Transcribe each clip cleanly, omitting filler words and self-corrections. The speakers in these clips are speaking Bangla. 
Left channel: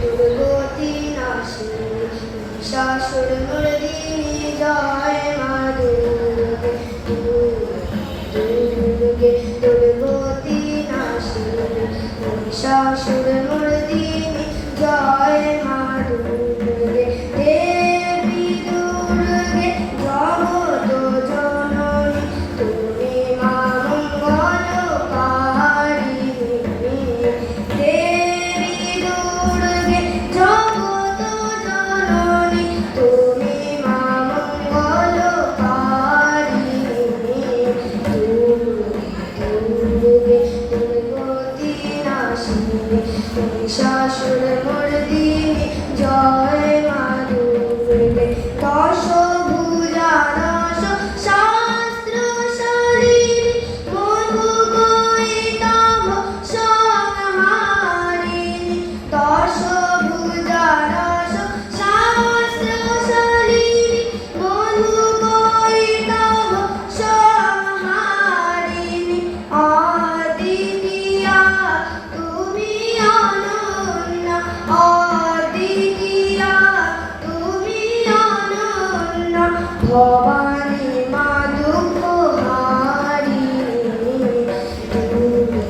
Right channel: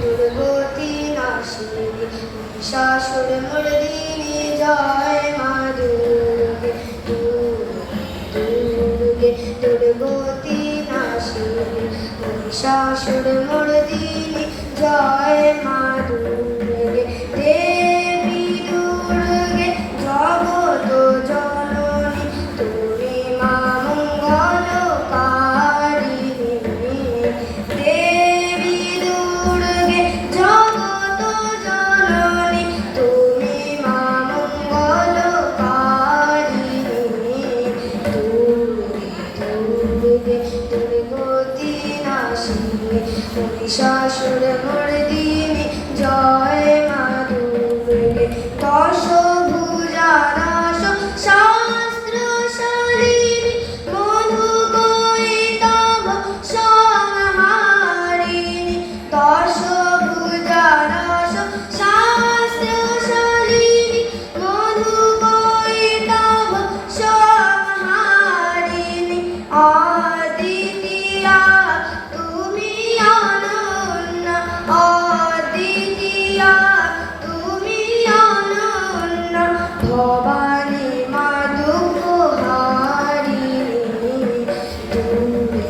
দুর্গতি নাশিনী মহিষাসুর মর্দিনী জয় মা দুর্গে দুর্গে দুর্গতি নাশিনী মহিষাসুর মর্দিনী জয় মা দুর্গে দেবী দুর্গে জগত জননী তুমি মা মঙ্গলকারিণী দেবী দুর্গে জগত জননী তুমি মা মঙ্গলকারিণী দুর্গে দুর্গতি নাশিনী মহিষাসুর মর্দিনী জয় মা দুর্গে দশভুজা নাশ শাস্ত্র শালিনী মধুকৈটভ সংহারিণী দশভুজা নাশ শাস্ত্র শালিনী মধুকৈটভ সংহারিণী অদ্বিতীয়া তুমি অনন্য অদ্বিতীয়া তুমি অনন্য ভবানী মা দুঃখহারিণী দুর্গে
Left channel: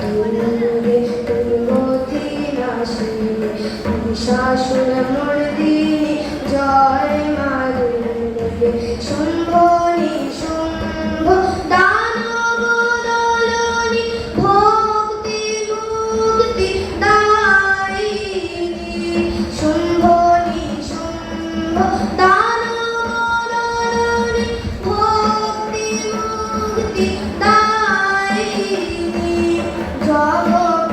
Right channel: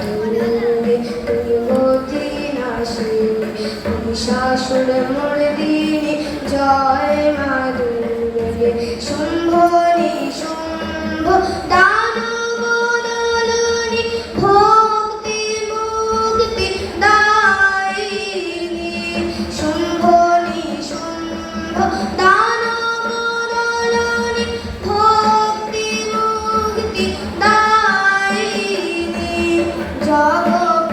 দুর্গে দুর্গতি নাশিনী মহিষাসুর মর্দিনী জয় মা দুর্গে শুম্ভ নিশুম্ভ দানব দলনী ভক্তি মুক্তি দায়িনী শুম্ভ নিশুম্ভ দানব দলনী ভক্তি মুক্তি দায়িনী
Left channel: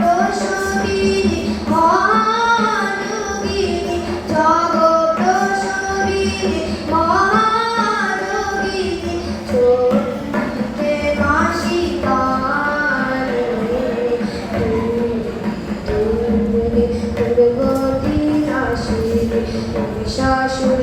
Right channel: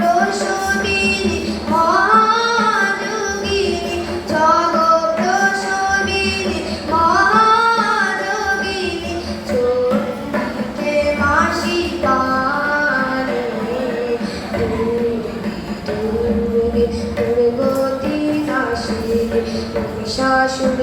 জগৎপ্রসবিনী মহাযোগিনী জগৎপ্রসবিনী মহাযোগিনী চন্ডিকে নাশিকারিণী দুর্গে দুর্গতি নাশিনী মহিষাসুর